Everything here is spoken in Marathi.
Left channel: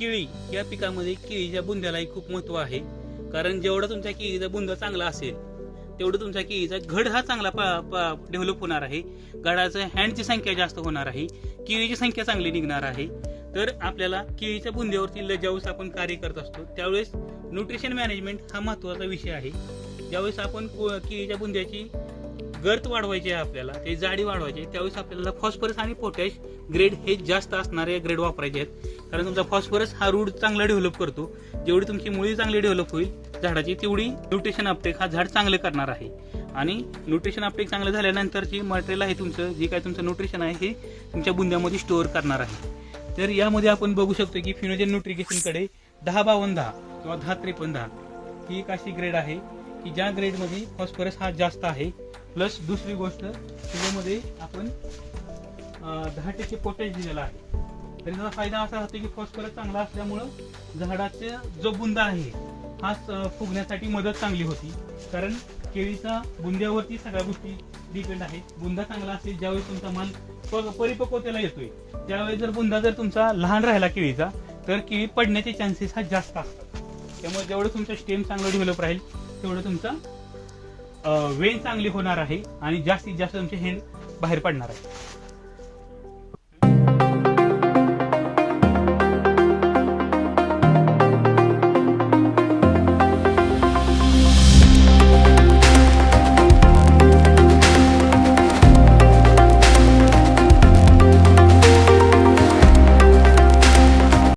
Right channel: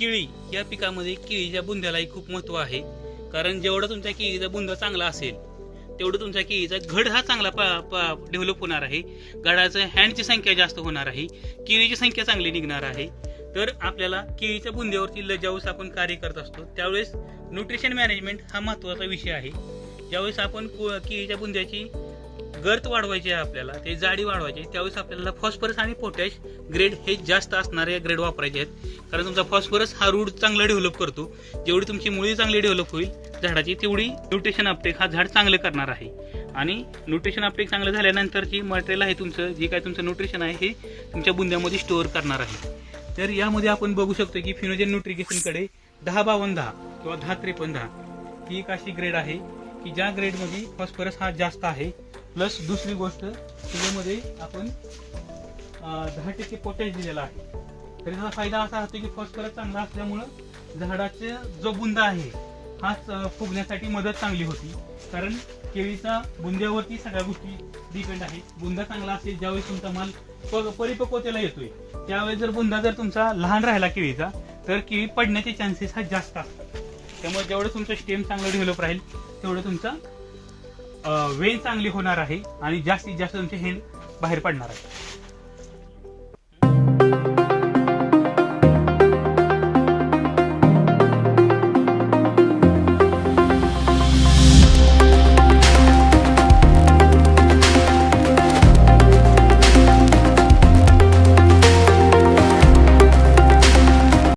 या पिकामध्ये केळीच्या बुंद्यालाही खूप महत्त्व आहे. कारण जेवढा तुमचा केळीचा बुंदा चांगला असेल तेवढं तुमचा केळीचा घड हा चांगला डेव्हलप होणार आहे. गडाचं हँडची संख्या जास्त होणार आहे. केळीची संख्या चांगली निघणार आहे. तर आपल्याला केळीच्या बुंद्यावरती लजावूस आपण कार्य करत असतो. त्यावेळेस न्यूट्रिशन मॅनेजमेंट हा महत्त्वाचा विषय आहे. ज्यावेळेस आपण केळीच्या बुंद्याची गर्त वाढवायची आहे आपल्याला ते जाडी वाढवायची आहे त्यावेळेस आपल्याला फॉस्फरस आणि पोटॅश ग्रेड हे जास्त असणारे ग्रेड वापरायचे आहेत. कारण तुमचा फॉस्फरस हा रूट चांगला डेव्हलप करतो. जेवढी तुमची मुळी चांगली डेव्हलप होईल झाडाची तेवढी न्यूट्रिशन अपटेक हा झाड चांगलं करणार आहे. आणि न्यूट्रिशन अपटेक चांगलं झाल्यानंतरची मटेरियल आहे तुमचं जे काय तुमचं न्यूट्रिशन आहे हे तुमच्या बुंद्यामध्ये स्टोअर करणार आहे. तर यामध्ये आपण बघू शकतो की फिनोजन न्यूट्रिकेशनकडे दहा बावन्न दहा किंवा दहा त्रेपन्न दहा ही एक अशी ग्रेड आहे. की ज्या ग्रेडमध्ये फॉस्फरस हा जास्त आहे प्लस दुसरी गोष्ट त्याच्यामध्ये आपण दहा टक्के पोटॅश दिलेला आहे. तर याचा फायदा असा होतो की फॉस्फरस चांगला असल्यामुळं झाडाचा जो बुंदा आहे हा फुगण्यासाठी मदत चांगली होती. कारण केळीचा बुंद्यावरती सगळ्या गोष्टी डिपेंड आहे बुंदा चांगला असेल ज्यावेळेस तुमचा माल प- परिपक्वतेला येतोय त्यावेळेस जर बुंदा जर तुमचा लहान राहिला केळीचा तर केळी पडण्याचे चान्सेस हा जास्त असतात. त्यामुळे जेवढं तुमचं स्टेम चांगलं डेव्हलप राहील तेवढं तुमचा वेन चांगली होणार आहे आणि जास्तीत जास्त तुमचे हेल बाहेर पडणार आहे.